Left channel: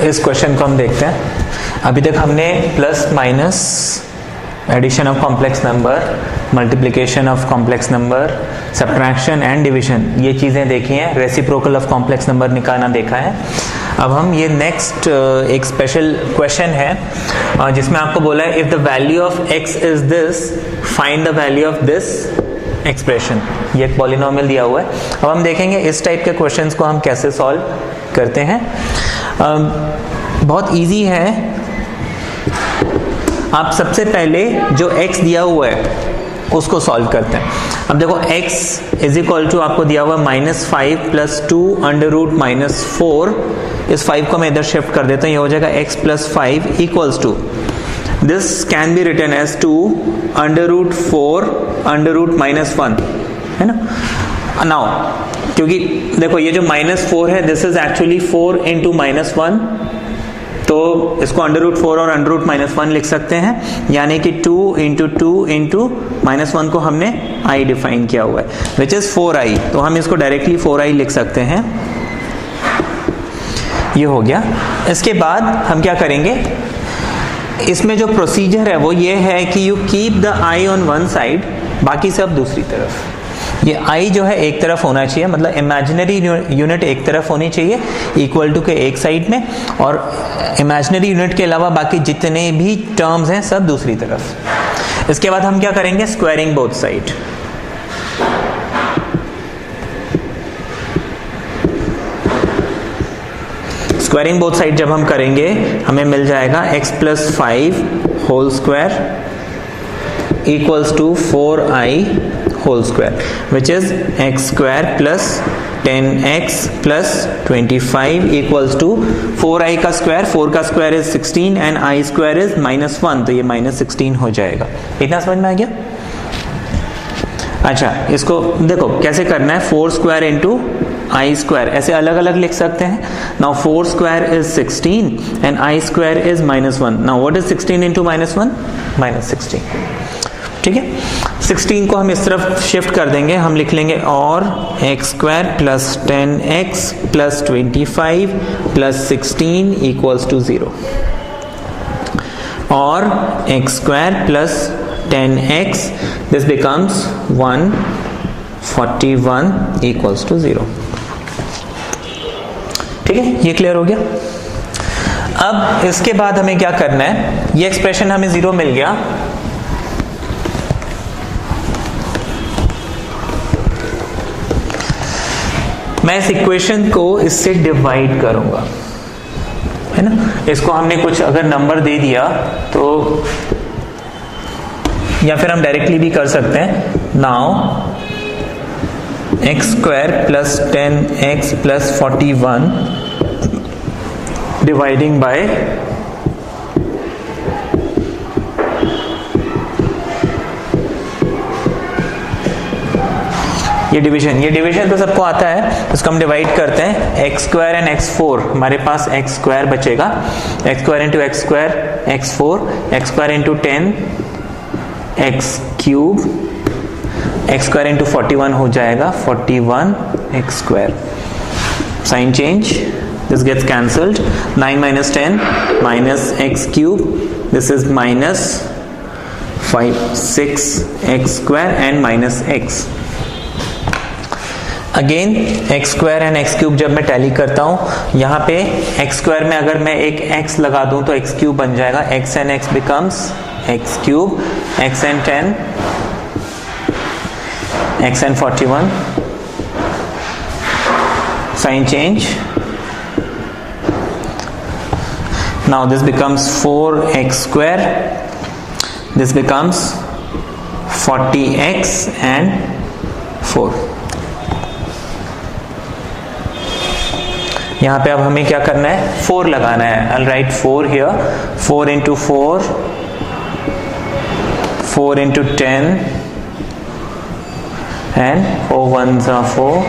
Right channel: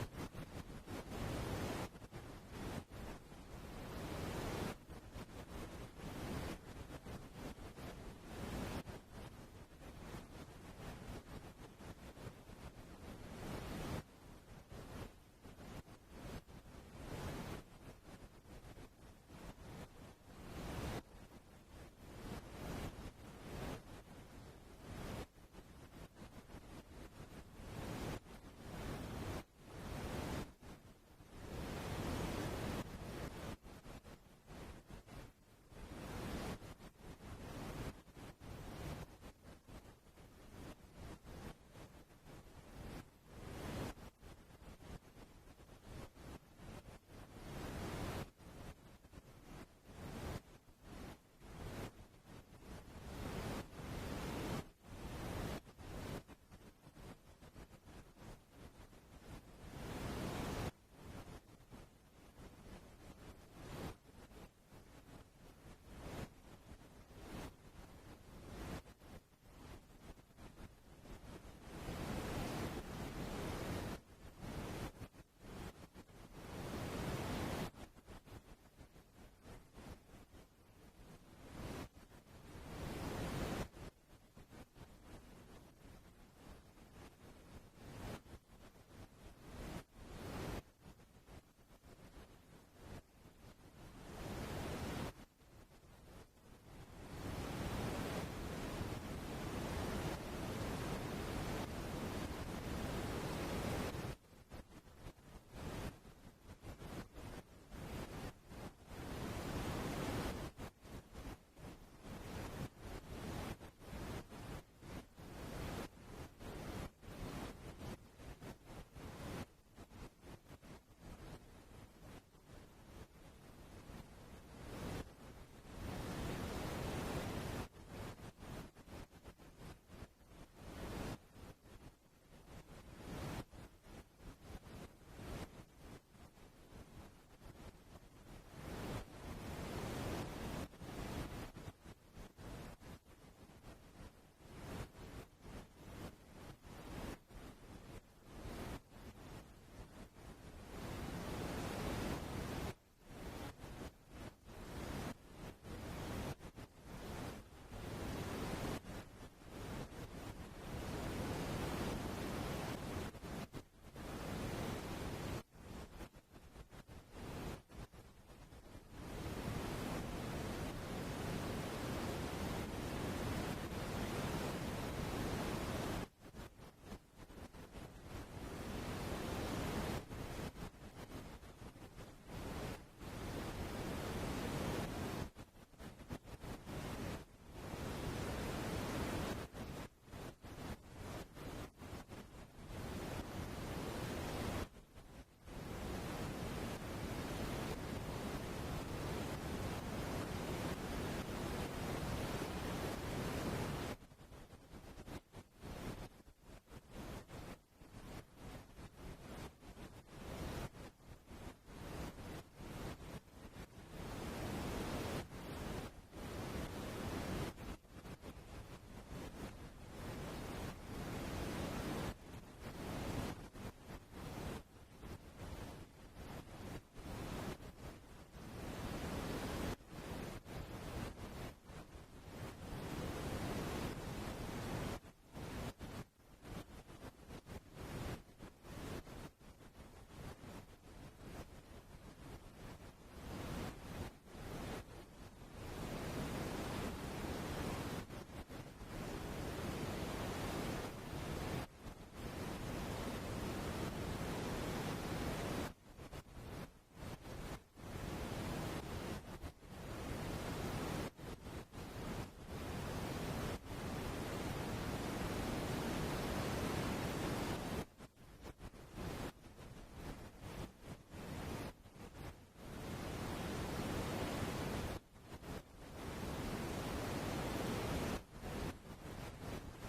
इस क्वेश्चन को हम देखते हैं। अभी तक हमने plus minus, addition of complex number, multiplication of complex number, subtraction and division, ये चीज़ें देखी हैं। रेसिप्रोकल ऑफ कॉम्प्लेक्स नंबर निकालना देखा है। अब हम ये नेक्स्ट एक स्पेशल क्वेश्चन है जिसमें आपको बोला है if the value of x is this find the value of this expression. ये एक पॉलिनोमियल दिया हुआ है। अब हम देखेंगे इस टाइप के क्वेश्चंस को हम कैसे सॉल्व करते हैं। बहुत इजी है। आप सबसे पहले जो x दिया हुआ है उसको सॉल्व करते हैं। अब देखो x इज इक्वल टू आपको दिया हुआ -5 + 2 √ -4। इस 5 को मैं इधर शिफ्ट कर देता हूँ, ये हो जाएगा x + 5 equals to, this can be written as 2 √4 √-1, है ना। नाउ क्योंकि देखो ये जो -4 है दिस इज एक्चुअली 4 × -1, तो इसको √4 और √-1 लिख सकते हैं, यानी कि 2 × 2 × -1 को हमने i डिफाइन किया हुआ है विच इज 4i, तो हम इसको डायरेक्टली 4i लिख सकते हैं। ये हो गया। इसके बाद हम क्या करेंगे, इसमें जो प्रोसीजर है वो ये है कि you keep the i on one side, बाकी सब दूसरी तरफ। ये i जो है एक तरफ होना चाहिए, मतलब इमेजिनरी यूनिट एक तरफ होनी चाहिए इक्वल टू के एक साइड में, और इमेजिनरी यूनिट के अलावा बाकी जितने भी टर्म्स हैं सब दूसरी तरफ। इसके बाद हम क्या करेंगे, squaring both side. Squaring both side जब हम करेंगे हमें मिल जाएगा x + 5 whole square equals to 4i whole square which is x² + 10x + 25 equals to 4i का स्क्वायर, 4 का square is 16 and i² is -1, तो ये -16 हो जाएगा। इतना समझ में आ गया। अच्छा, इसको देखो कैसे करना है, 4² × i², ऐसे अलग अलग लिख सकते हैं। Now 4² is 16 and i² is -1। Now what is 16 × -1? -16। ठीक है, 16 को हम इस तरफ शिफ्ट कर देंगे, हम लिख लेंगे और x² + 10x + 25 + 16 इक्वल्स टू 0, और x² + 10x, this becomes 141 equals to 0। ठीक है, ये क्लियर हो गया। अब इसके बाद हमें क्या करना है, ये एक्सप्रेशन हमें 0 मिल गया। मैं इस इक्वेशन को इससे डिवाइड करूंगा, है ना। इसको हमने कुछ अगर नंबर दे दिया तो, या फिर हम डायरेक्टली भी कर सकते हैं। Now x² + 10x + 41 dividing by ये डिवीजन तो सबको आता है। इसको हम डिवाइड करते हैं, x² एंड x4, हमारे पास x² बचेगा, x² × x², x4, x² × 10 x³ x² × 41 हो जाएगा 41 x²। Sign change, this gets cancelled, 9 - 10 -x³ this is -5 6 x² and -x। Again x² and x³ जब मैं टैली करता हूं, यहाँ पे x² में अगर मैं एक x लगा दूं तो x³ बन जाएगा, x and x becomes x³, x and 10 x and 41, sign change, now this becomes 4x², this becomes 40x and 4। यहाँ पे अब हमें क्या करना है, 4 लगाना है। I'll write 4 here, 4 × 4, 4 × 10 and 4 1s are 4।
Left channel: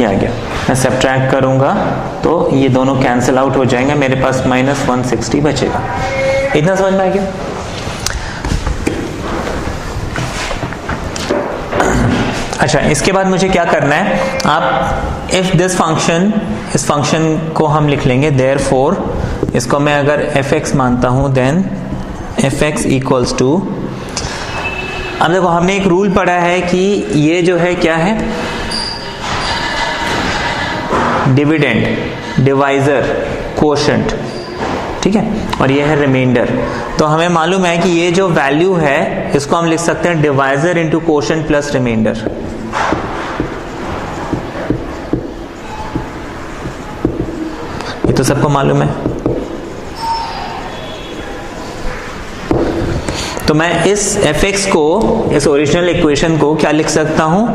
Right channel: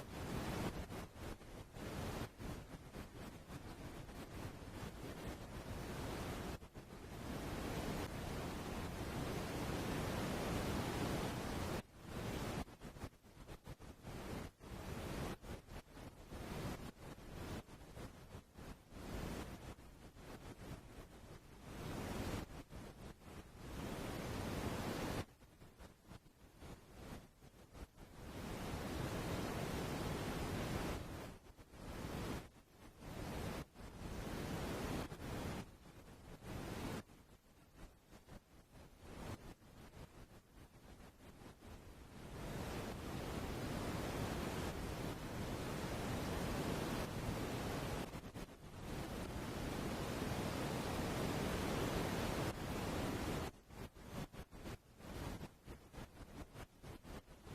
ये आ गया। मैं सब्ट्रैक्ट करूंगा तो ये दोनों कैंसिल आउट हो जाएंगे, मेरे पास -160 बचेगा। इतना समझ में आ गया। अच्छा, इसके बाद मुझे क्या करना है, आप इफ दिस फंक्शन, इस फंक्शन को हम लिख लेंगे देयरफॉर, इसको मैं अगर fx मानता हूं देन fx इक्वल्स टू, अब देखो हमने एक रूल पढ़ा है कि ये जो है क्या है, डिविडेंड, डिवाइजर, कोशेंट, ठीक है, और ये है रिमाइंडर। तो हमें मालूम है कि ये जो वैल्यू है इसको हम लिख सकते हैं divisor into quotient plus remainder. ये तो सबको मालूम है। तो मैं इस fx को, इस ओरिजिनल इक्वेशन को क्या लिख सकता हूं,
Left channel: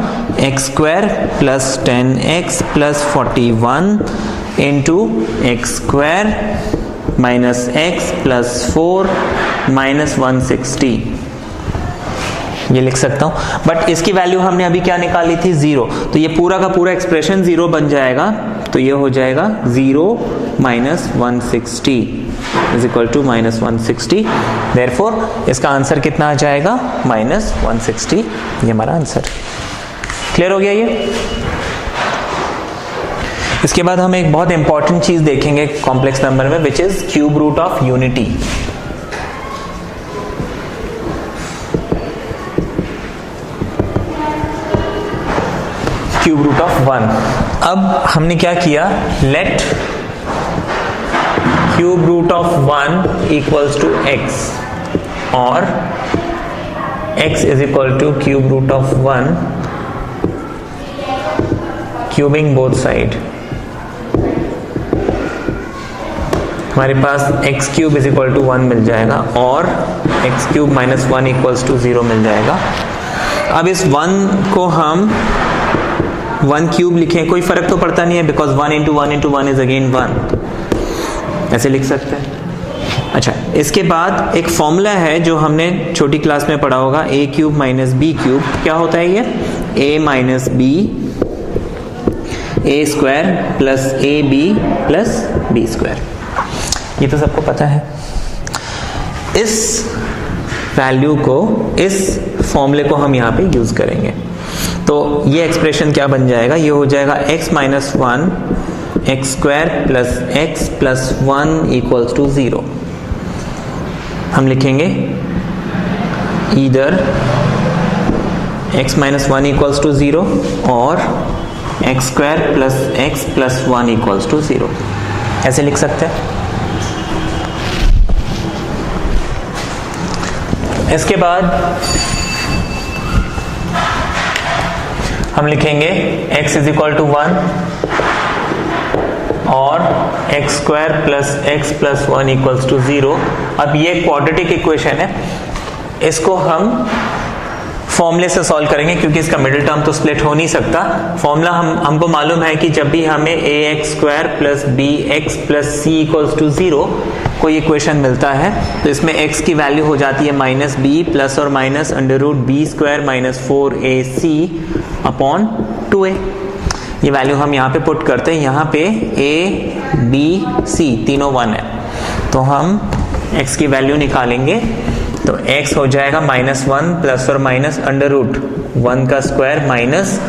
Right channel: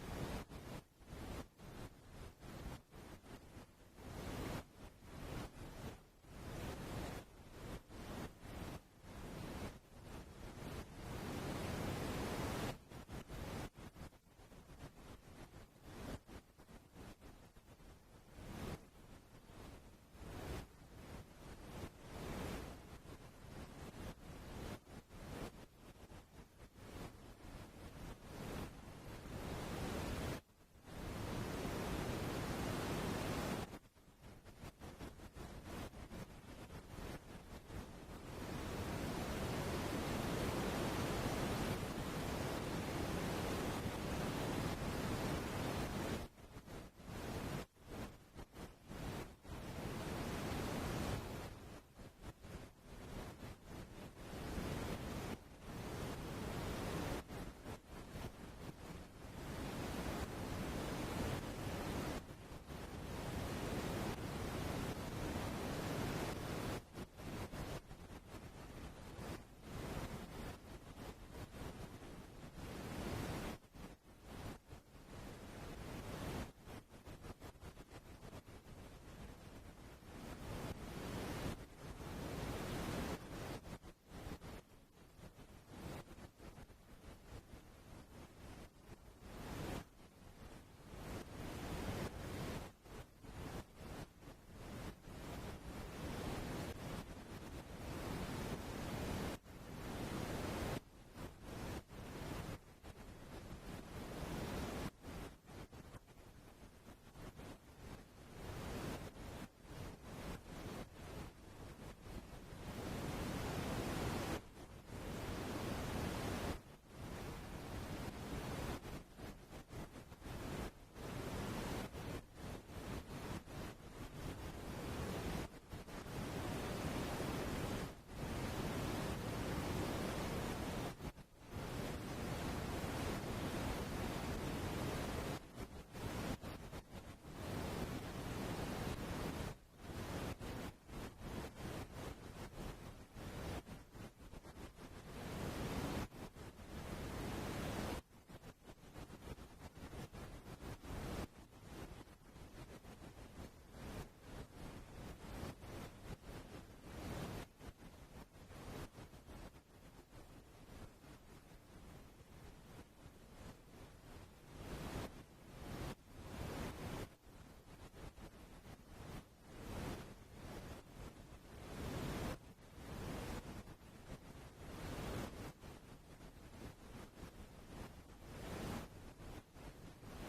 x square plus 10x plus 41 into x square minus x plus 4 minus 160, ये लिख सकता हूं। बट इसकी वैल्यू हमने अभी क्या निकाली थी, 0, तो ये पूरा का पूरा एक्सप्रेशन 0 बन जाएगा। तो ये हो जाएगा 0 minus 160 is equal to minus 160। Therefore इसका आंसर कितना आ जाएगा, माइनस 160, ये हमारा आंसर। क्लियर हो गया ये। इसके बाद हम एक बहुत इंपॉर्टेंट चीज देखेंगे कॉम्प्लेक्स नंबर में, which is cube root of unity. Cube root of 1। अब हमने क्या किया, let cube root of 1 equals to x और x is equal to cube root of 1, cubing both side. हमारे पास x cube is equal to 1 मिल जाएगा और x cube minus 1 equals to 0 मिल जाएगा। अब इस 1 को हम 1 क्यूब लिखें, कोई फर्क तो पड़ता नहीं है, because 1 into 1 into 1 is again 1, ऐसे लिख सकते हैं। अच्छा, इसके बाद एक फॉर्मूला है जो हमने छोटी क्लास में पढ़ा होगा, a cube minus B cube. क्या होता है ये, a minus B, A square plus A B plus B square, ये तो सबको पता है। इस वैल्यू को, इस फॉर्मूले को हम यहाँ पे यूज करेंगे। तो ये एक्सप्रेशन क्या बन जाएगा, ये हो जाएगा x minus 1 x square plus x plus 1 equals to 0। हम लिखेंगे either x minus 1 equals to 0 और x square plus x plus 1 equals to 0, ऐसे लिख सकते हैं। इसके बाद हम लिखेंगे x इज इक्वल टू 1 और x square plus x plus 1 equals to 0। अब ये एक क्वाड्रेटिक इक्वेशन है, इसको हम फॉर्मूले से सॉल्व करेंगे क्योंकि इसका मिडिल टर्म तो स्प्लिट हो नहीं सकता। फॉर्मूला हमको मालूम है कि जब भी हमें a x square plus b x plus c equals to 0 कोई इक्वेशन मिलता है तो इसमें x की वैल्यू हो जाती है माइनस बी प्लस और minus under root B square minus 4ac upon 2a। ये वैल्यू हम यहाँ पे पुट करते हैं, यहाँ पे a b c तीनों 1 है, तो हम x की वैल्यू निकालेंगे। तो x हो जाएगा माइनस 1 प्लस और माइनस अंडर रूट 1 का square minus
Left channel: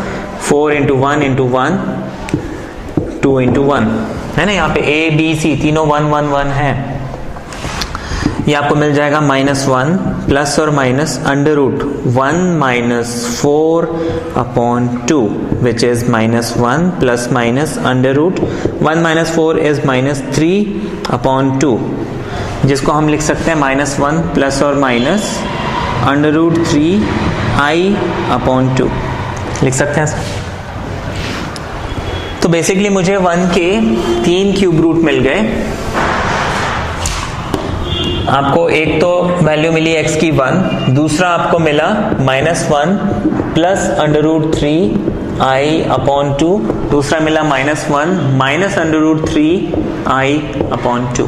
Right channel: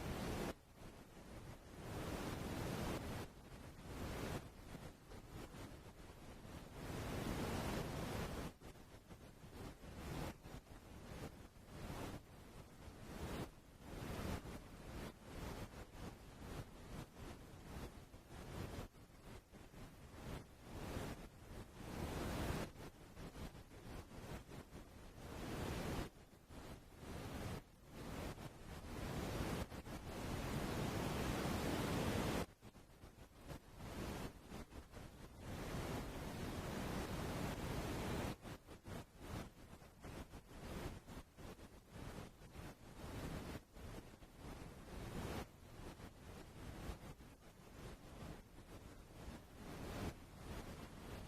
4 into 1 into 1 2 into 1 है ना। यहाँ पे a b c तीनों 1 1 1 है। ये आपको मिल जाएगा माइनस 1 प्लस और minus under root 1 minus 4 upon 2 which is minus 1 plus minus under root 1 minus 4 is minus 3 upon 2, जिसको हम लिख सकते हैं माइनस 1 प्लस और minus under root 3i upon 2 लिख सकते हैं सर। तो बेसिकली मुझे 1 के 3 क्यूब रूट मिल गए। आपको एक तो वैल्यू मिली x की 1, दूसरा आपको मिला minus 1 plus under root 3i upon 2, दूसरा मिला minus 1 minus under root 3i upon 2।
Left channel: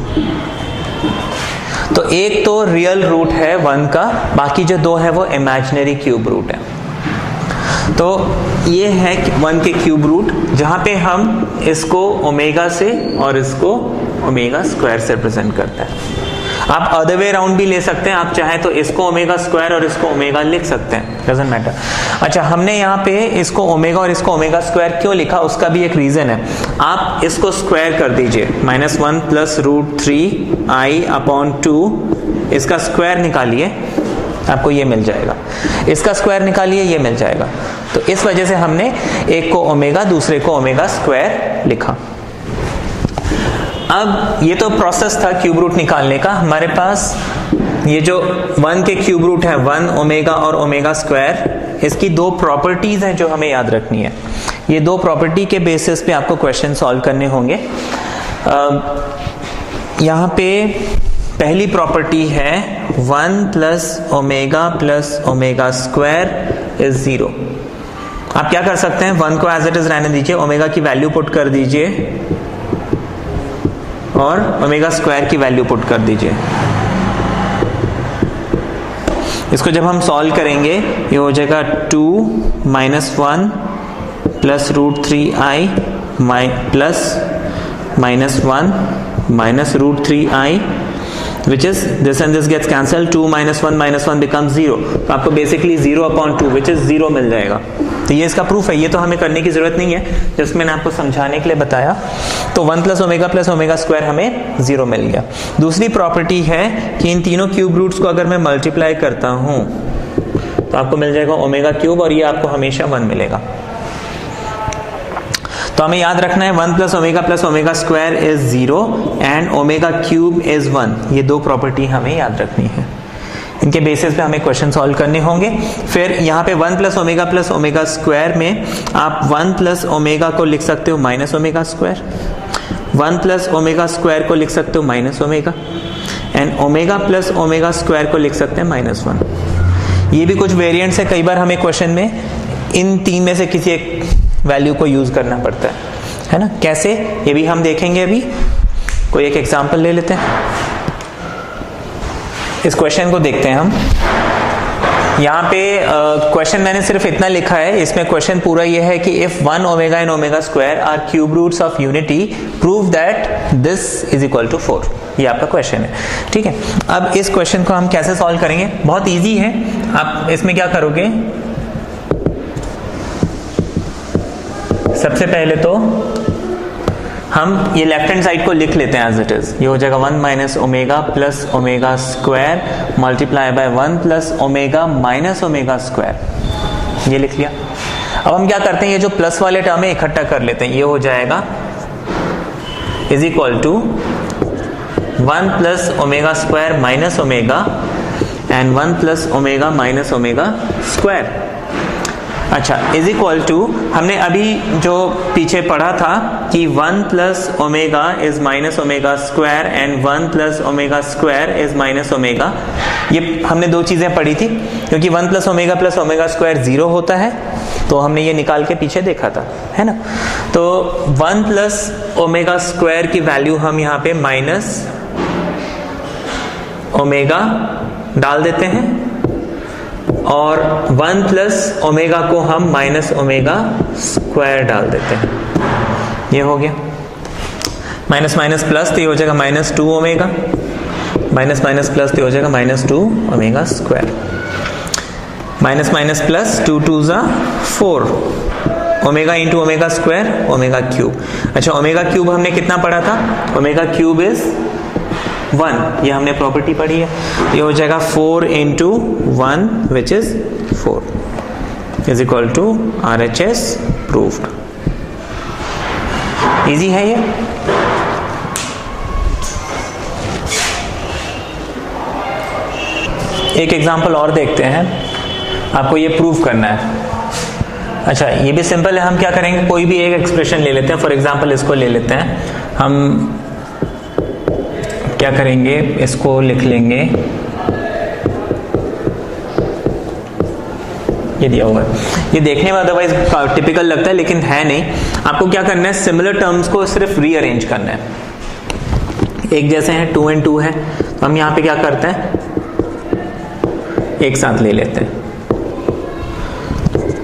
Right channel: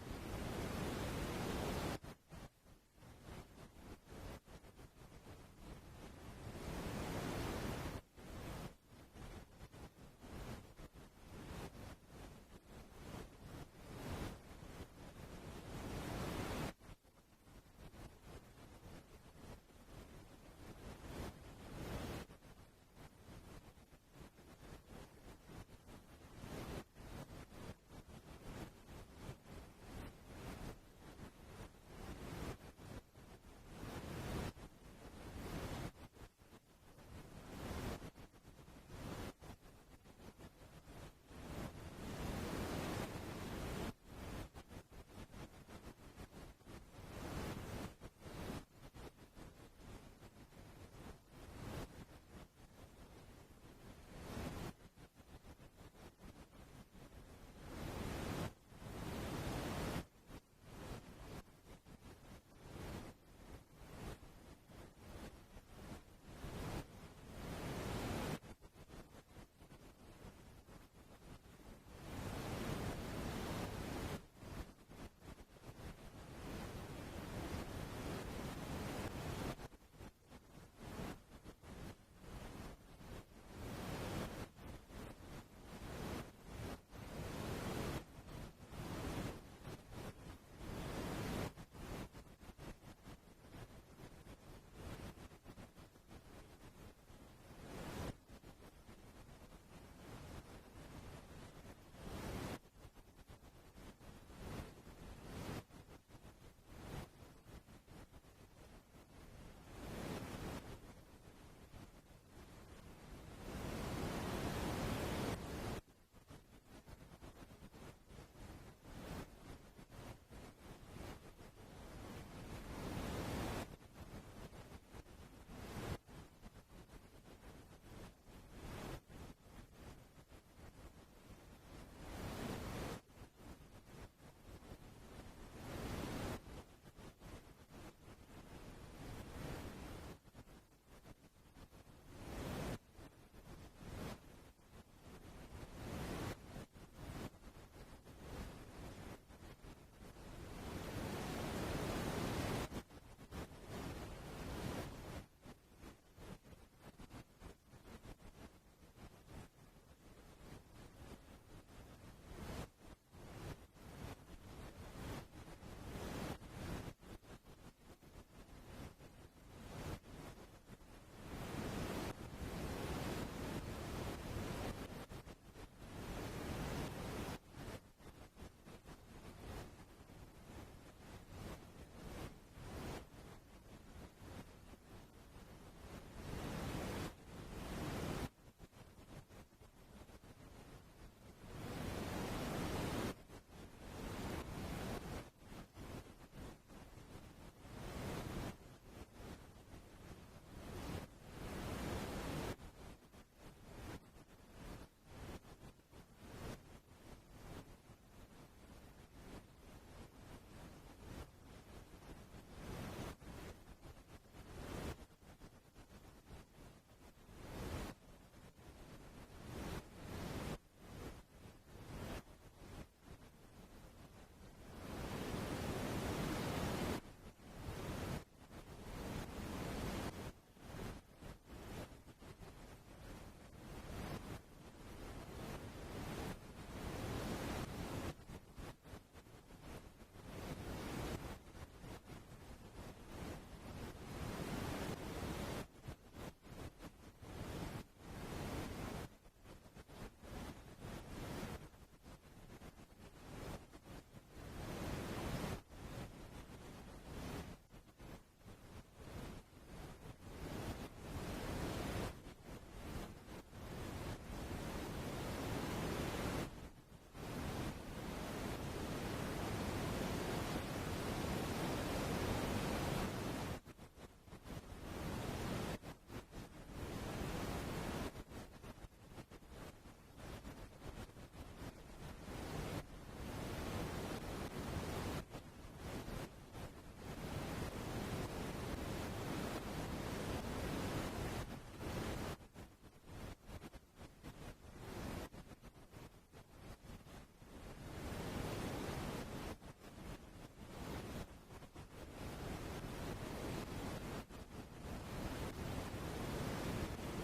तो एक तो रियल रूट है 1 का, बाकी जो 2 है वो इमेजिनरी क्यूब रूट है। तो ये है 1 के क्यूब रूट, जहां पे हम इसको ओमेगा से और इसको ओमेगा स्क्वायर से रिप्रेजेंट करते हैं। आप अदर वे राउंड भी ले सकते हैं, आप चाहें तो इसको ओमेगा स्क्वायर और इसको ओमेगा लिख सकते हैं, डजंट मैटर। अच्छा, हमने यहाँ पे इसको ओमेगा और इसको ओमेगा स्क्वायर क्यों लिखा, उसका भी एक रीजन है। आप इसको स्क्वायर कर दीजिए, -1 + √3i/2, इसका स्क्वायर निकालिए, आपको ये मिल जाएगा। इसका स्क्वायर निकालिए, ये मिल जाएगा। तो इस वजह से हमने एक को ओमेगा, दूसरे को ओमेगा स्क्वायर लिखा। अब ये तो प्रोसेस था क्यूब रूट निकालने का। हमारे पास ये जो 1 के क्यूब रूट है, 1 ओमेगा और ओमेगा स्क्वायर, इसकी दो प्रॉपर्टीज हैं जो हमें याद रखनी है। ये दो प्रॉपर्टी के बेसिस पे आपको क्वेश्चन सॉल्व करने होंगे। यहाँ पे पहली प्रॉपर्टी है 1 + ओमेगा + ओमेगा स्क्वायर इज 0। आप क्या कर सकते हैं, 1 को एज इट इज रहने दीजिए, ओमेगा की वैल्यू पुट कर दीजिए और ओमेगा स्क्वायर की वैल्यू पुट कर दीजिए। इसको जब हम सॉल्व करेंगे, ये हो जाएगा 2 - 1 + √3i plus -1 - √3i, which is this and this gets cancelled, 2 - 1 becomes 0। तो आपको बेसिकली 0/2 which is 0 मिल जाएगा। तो ये इसका प्रूफ है, ये तो हमें करने की जरूरत नहीं है, जस्ट मैंने आपको समझाने के लिए बताया। तो 1 + ओमेगा + ओमेगा स्क्वायर हमें 0 मिल गया। दूसरी प्रॉपर्टी है कि इन तीनों क्यूब रूट्स को अगर मैं मल्टीप्लाई करता हूं तो आपको मिल जाएगा ओमेगा क्यूब, और ये आपको हमेशा 1 मिलेगा। तो हमें याद रखना है 1 + omega + omega square is 0 and omega cube is 1। ये दो प्रॉपर्टी हमें याद रखनी है, इनके बेसिस पे हमें क्वेश्चन सॉल्व करने होंगे। फिर यहाँ पे 1 + ओमेगा + ओमेगा स्क्वायर में आप 1 + ओमेगा को लिख सकते हो - ओमेगा स्क्वायर, 1 + ओमेगा स्क्वायर को लिख सकते हो - omega, and omega + omega square को लिख सकते हैं -1। ये भी कुछ वेरिएंट्स है, कई बार हमें क्वेश्चन में इन तीन में से किसी एक वैल्यू को यूज करना पड़ता है ना। कैसे, ये भी हम देखेंगे। अभी कोई एक एग्जांपल ले लेते हैं, इस क्वेश्चन को देखते हैं हम। यहाँ पे क्वेश्चन मैंने सिर्फ इतना लिखा है, इसमें क्वेश्चन पूरा ये है कि if 1 omega and omega square are cube roots of unity, prove that this is equal to 4। ये आपका क्वेश्चन है, ठीक है। अब इस क्वेश्चन को हम कैसे सॉल्व करेंगे, बहुत इजी है। आप इसमें क्या करोगे, सबसे पहले तो हम ये लेफ्ट हैंड साइड को लिख लेते हैं एज इट इज। ये हो जाएगा 1 - omega + omega square multiply by 1 + omega - omega square, ये लिख लिया। अब हम क्या करते हैं, ये जो प्लस वाले टर्म है इकट्ठा कर लेते हैं। ये हो जाएगा is equal to 1 + omega square - omega and 1 + omega - omega square. अच्छा, इज इक्वल टू, हमने अभी जो पीछे पढ़ा था कि 1 + omega is - omega square and 1 + omega square is - omega. ये हमने दो चीजें पढ़ी थी, क्योंकि 1 + ओमेगा + ओमेगा स्क्वायर 0 होता है, तो हमने ये निकाल के पीछे देखा था, है ना। तो 1 + ओमेगा स्क्वायर की वैल्यू हम यहाँ पे - ओमेगा डाल देते हैं, और 1 + ओमेगा को हम - ओमेगा स्क्वायर डाल देते हैं। ये हो गया माइनस माइनस प्लस, तो ये हो जाएगा -2 ओमेगा, माइनस माइनस प्लस तो हो जाएगा -2 omega square, minus minus plus 2 2 ज़ा 4 omega into omega square omega cube. अच्छा, ओमेगा क्यूब हमने कितना पढ़ा था, ओमेगा क्यूब इज 1, ये हमने प्रॉपर्टी पढ़ी है। ये हो जाएगा 4 × 1 which is 4 is equal to RHS proved. Easy है ये। एक एग्जांपल और देखते हैं, आपको ये प्रूव करना है। अच्छा, ये भी सिंपल है। हम क्या करेंगे, कोई भी एक एक्सप्रेशन ले लेते हैं। फॉर एग्जांपल इसको ले लेते हैं, हम क्या करेंगे, इसको लिख लेंगे, ये दिया हुआ है। ये देखने में अदरवाइज टिपिकल लगता है, लेकिन है नहीं। आपको क्या करना है, सिमिलर टर्म्स को सिर्फ रीअरेंज करना है। एक जैसे हैं, 2 and 2 है, तो हम यहाँ पे क्या करते हैं, एक साथ ले लेते हैं,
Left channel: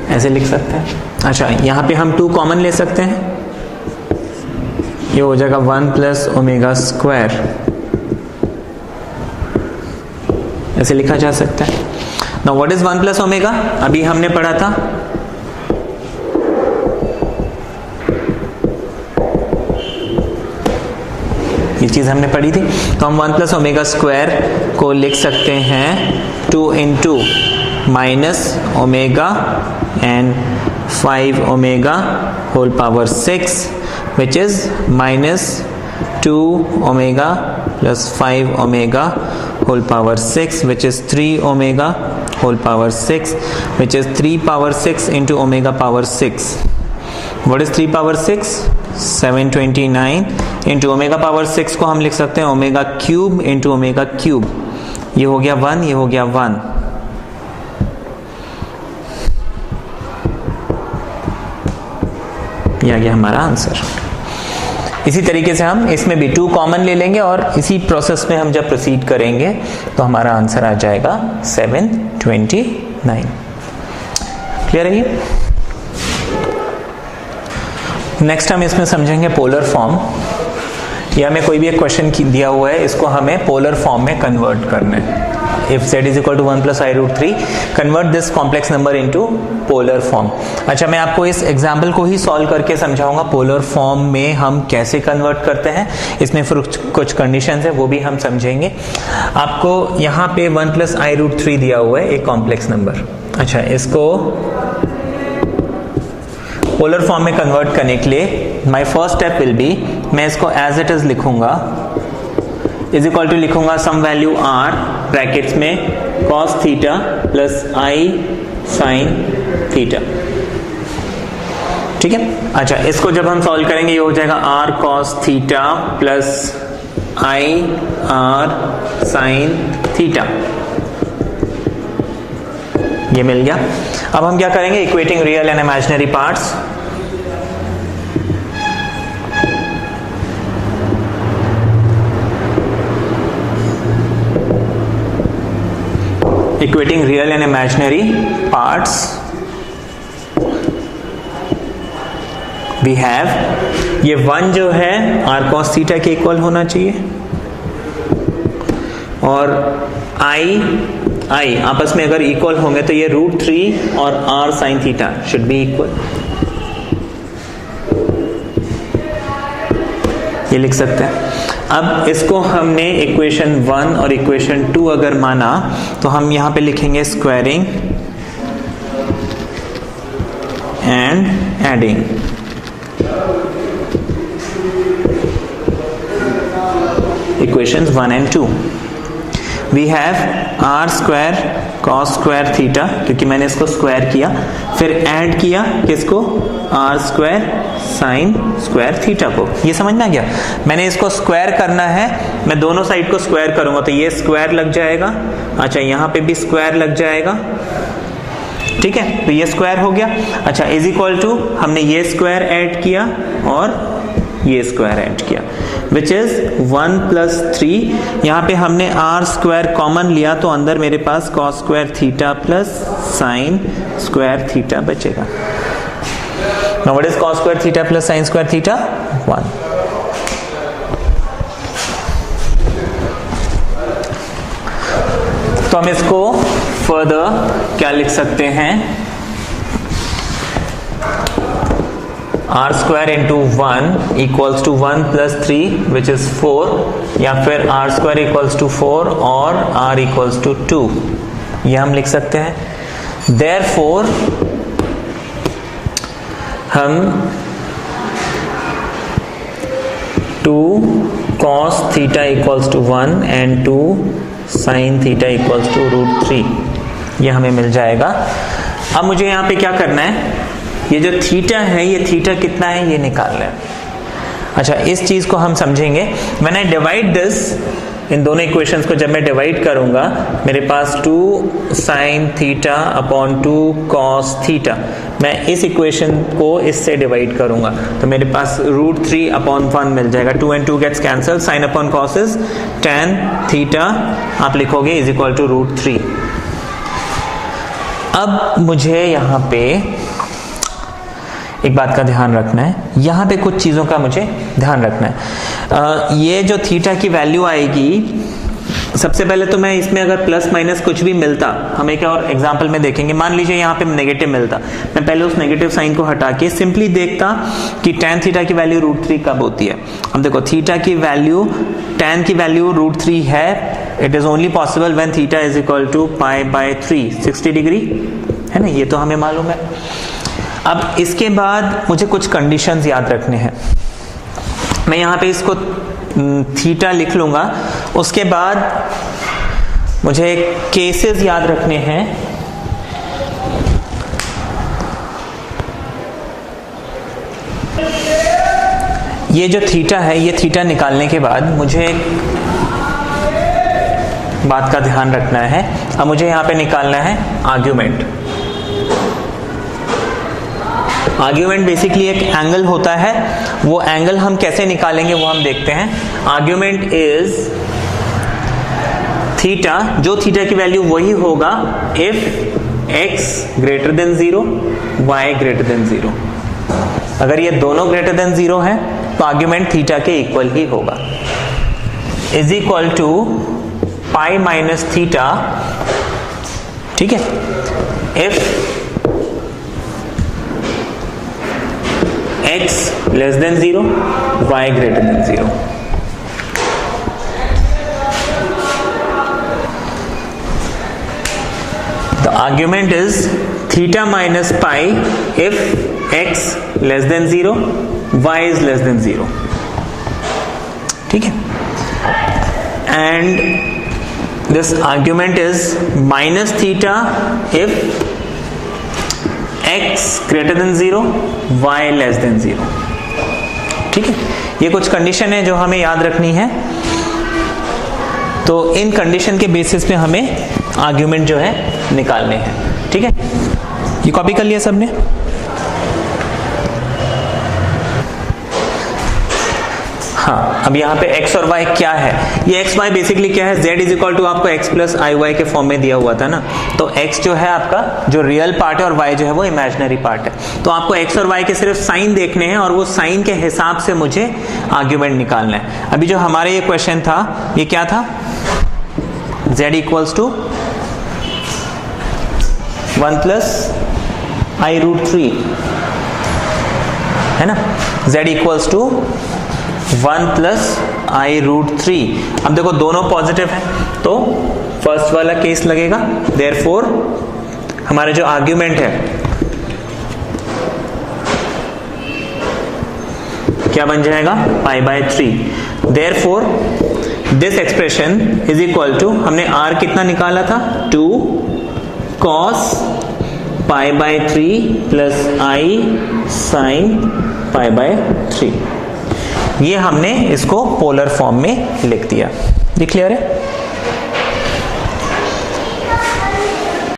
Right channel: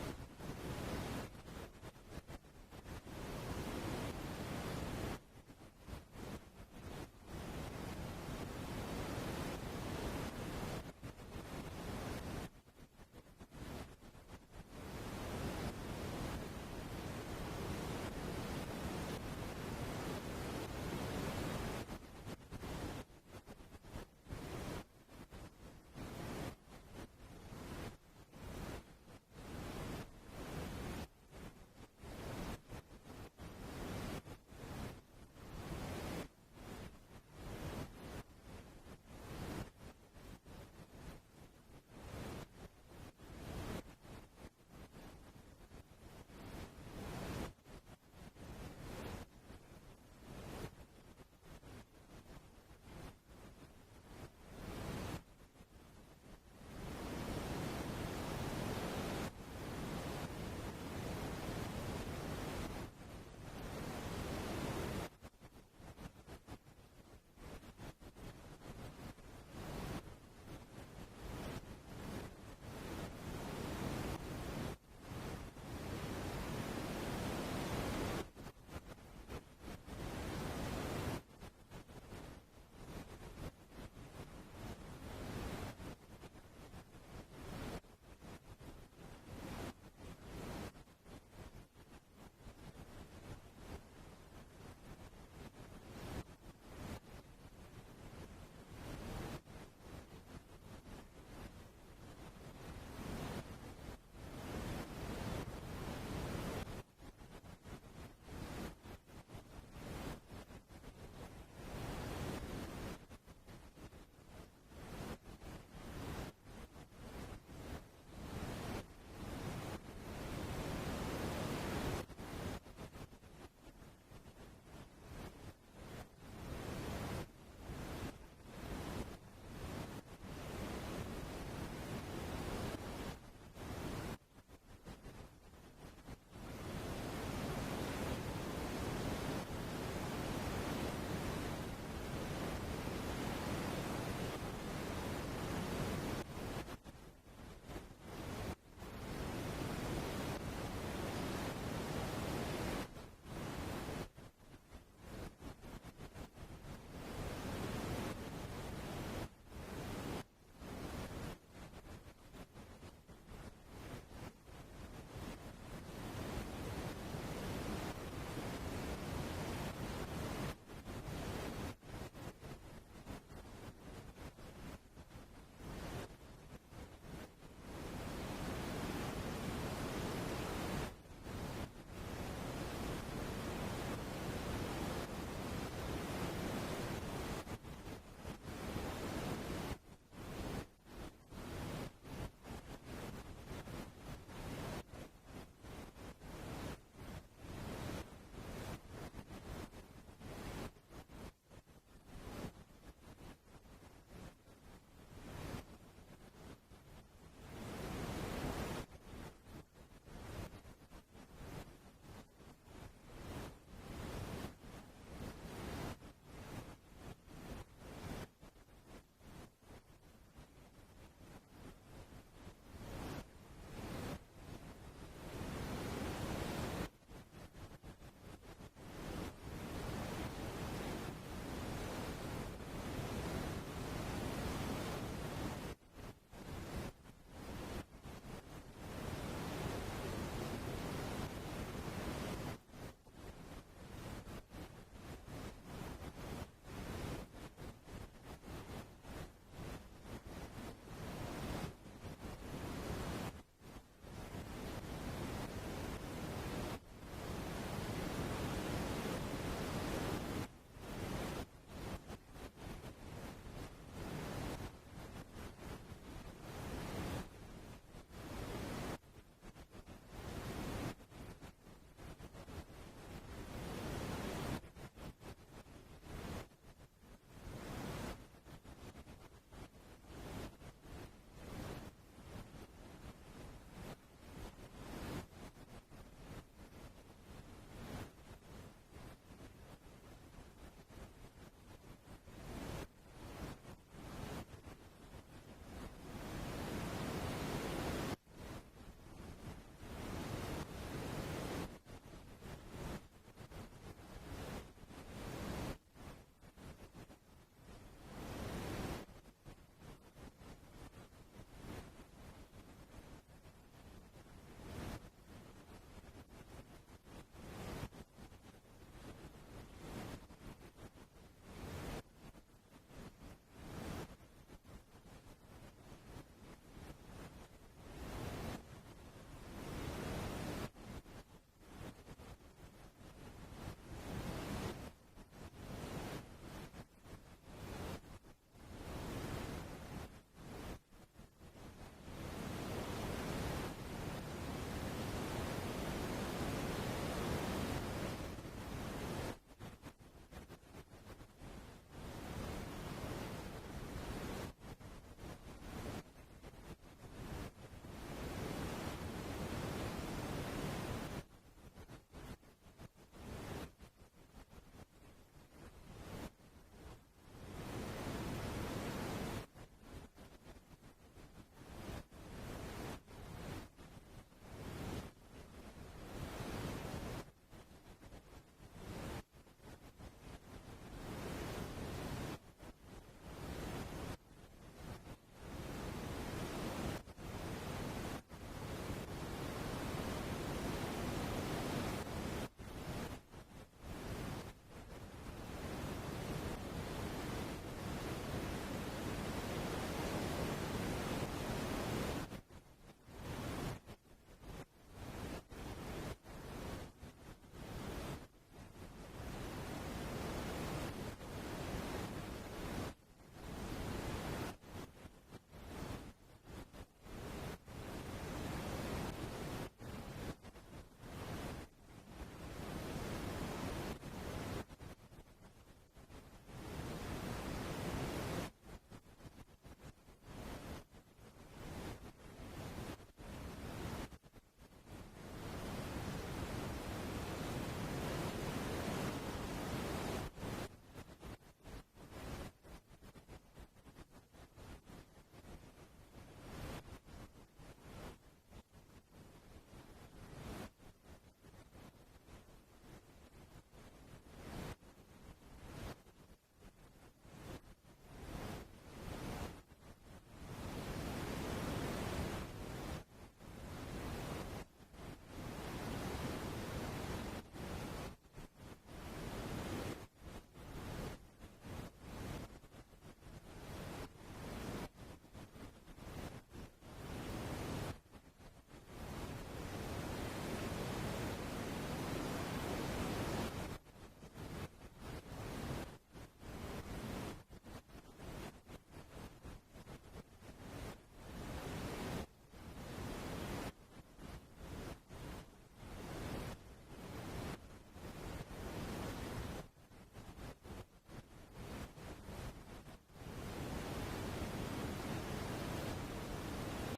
ऐसे लिख सकते हैं। अच्छा, यहाँ पे हम 2 कॉमन ले सकते हैं, ये हो जाएगा 1 + ओमेगा स्क्वायर ऐसे लिखा जा सकता है। Now what is 1 plus omega? अभी हमने पढ़ा था ये चीज हमने पढ़ी थी, तो हम 1 प्लस ओमेगा स्क्वायर को लिख सकते हैं 2 into minus omega and 5 omega whole power 6 which is minus 2 omega plus 5 omega whole power 6 which is 3 omega whole power 6 which is 3 power 6 into omega power 6. What is 3 power 6? 729 into omega power 6 को हम लिख सकते हैं omega cube into omega cube. ये हो गया 1, ये हो गया 1. ये आ गया हमारा आंसर। इसी तरीके से हम इसमें भी 2 कॉमन ले लेंगे और इसी प्रोसेस में हम जब प्रोसीड करेंगे तो हमारा आंसर आ जाएगा 729। क्लियर है ये? नेक्स्ट हम इसमें समझेंगे पोलर फॉर्म। या हमें कोई भी एक क्वेश्चन दिया हुआ है, इसको हमें पोलर फॉर्म में कन्वर्ट करना है। If z is equal to 1 plus I root 3, convert this complex number into polar form. अच्छा, मैं आपको इस एग्जाम्पल को ही सॉल्व करके समझाऊंगा पोलर फॉर्म में हम कैसे कन्वर्ट करते हैं। इसमें फिर कुछ कंडीशंस है, वो भी हम समझेंगे। आपको यहाँ पे 1 plus I root 3 दिया हुआ है, एक कॉम्प्लेक्स नंबर। अच्छा, इसको पोलर फॉर्म में कन्वर्ट करने के लिए my first step will be, मैं इसको एज इट इज लिखूंगा, इज इक्वल टू लिखूंगा सम वैल्यू r ब्रैकेट्स में cos theta plus i sin theta. ठीक है। अच्छा, इसको जब हम सॉल्व करेंगे ये हो जाएगा r cos theta plus i r sin theta. ये मिल गया। अब हम क्या करेंगे? Equating real and imaginary parts. Equating real and imaginary parts, we have ये 1 जो है r cos थीटा के इक्वल होना चाहिए और i आपस में अगर इक्वल होंगे तो ये √3 और r sin theta should be equal. ये लिख सकते हैं। अब इसको हमने इक्वेशन 1 और इक्वेशन 2 अगर माना तो हम यहां पे लिखेंगे squaring and adding. Equations 1 and 2 we have r square cos square theta, क्योंकि मैंने इसको स्क्वायर किया, फिर ऐड किया किसको? r square sine square theta को। ये समझ में आ गया? मैंने इसको स्क्वायर करना है, मैं दोनों साइड को स्क्वायर करूंगा तो ये स्क्वायर लग जाएगा। अच्छा, यहां पे भी स्क्वायर लग जाएगा। ठीक है, तो ये स्क्वायर हो गया। अच्छा, इज इक्वल टू हमने ये स्क्वायर ऐड किया और ये स्क्वायर ऐड किया विच इज 1 प्लस 3। यहाँ पे हमने r स्क्वायर कॉमन लिया तो अंदर मेरे पास cos square theta plus sine square theta बचेगा। Now what is cos square theta plus sin square theta? 1. तो हम इसको फर्दर क्या लिख सकते हैं? r square into 1 equals to 1 plus 3 which is 4, या फिर r स्क्वायर इक्वल्स टू 4 और r इक्वल्स टू 2, ये हम लिख सकते हैं। Therefore हम 2 cos theta equals to 1 and 2 sin theta equals to √3, ये हमें मिल जाएगा। अब मुझे यहाँ पे क्या करना है? ये जो थीटा है, ये थीटा कितना है ये निकालना है। अच्छा, इस चीज को हम समझेंगे। व्हेन आई डिवाइड दिस, इन दोनों इक्वेशंस को जब मैं डिवाइड करूंगा, मेरे पास 2 sin theta upon 2 cos theta, मैं इस इक्वेशन को इससे डिवाइड करूंगा तो मेरे पास √3 अपॉन 1 मिल जाएगा। 2 and 2 gets cancel, sine upon cos is tan theta, आप लिखोगे इज इक्वल टू √3। अब मुझे यहाँ पे एक बात का ध्यान रखना है, यहाँ पे कुछ चीजों का मुझे ध्यान रखना है। ये जो थीटा की वैल्यू आएगी सबसे पहले तो मैं इसमें अगर प्लस माइनस कुछ भी मिलता, हम एक और एग्जांपल में देखेंगे, मान लीजिए यहाँ पे नेगेटिव मिलता, मैं पहले उस नेगेटिव साइन को हटा के सिंपली देखता कि tan थीटा की वैल्यू √3 कब होती है। अब देखो थीटा की वैल्यू, tan की वैल्यू √3 है, it is only possible when theta is equal to π/3 60 degree, है ना, ये तो हमें मालूम है। अब इसके बाद मुझे कुछ कंडीशंस याद रखने हैं, मैं यहाँ पे इसको थीटा लिख लूंगा, उसके बाद मुझे केसेस याद रखने हैं। ये जो थीटा है, ये थीटा निकालने के बाद मुझे एक बात का ध्यान रखना है। अब मुझे यहां पे निकालना है आर्ग्यूमेंट। आर्ग्यूमेंट बेसिकली एक एंगल होता है, वो एंगल हम कैसे निकालेंगे वो हम देखते हैं। आर्ग्यूमेंट इज थीटा, जो थीटा की वैल्यू वही होगा if x greater than 0, y greater than 0। अगर ये दोनों ग्रेटर देन 0 है तो आर्ग्यूमेंट थीटा के इक्वल ही होगा। Is equal to pi minus theta, ठीक है, if x less than 0, y greater than 0। The argument is theta minus pi if x less than 0, y is less than 0, ठीक है। And this argument is minus theta if x greater than 0, y less than 0, ठीक है। ये कुछ condition है जो हमें याद रखनी है, तो इन कंडीशन के बेसिस पे हमें आर्ग्यूमेंट जो है निकालने हैं, ठीक है। ये कॉपी कर लिया सबने? हाँ, अब यहाँ पे x और y क्या है, ये x y बेसिकली क्या है, z इज इक्वल टू आपको x प्लस आई वाई के फॉर्म में दिया हुआ था ना, तो x जो है आपका जो रियल पार्ट है और y जो है वो इमेजिनरी पार्ट है। तो आपको x और y के सिर्फ साइन देखने हैं और वो साइन के हिसाब से मुझे आर्ग्यूमेंट निकालना है। अभी जो हमारे ये क्वेश्चन था ये क्या था, z equals to 1 plus i√3, है ना, z equals to 1 plus i√3। अब देखो दोनों पॉजिटिव है तो फर्स्ट वाला केस लगेगा, देयरफॉर हमारा जो आर्ग्यूमेंट है क्या बन जाएगा, π/3। Therefore this expression is equal to, हमने r कितना निकाला था, 2 cos π/3 प्लस i sin π/3। ये हमने इसको पोलर फॉर्म में लिख दिया। ये क्लियर है?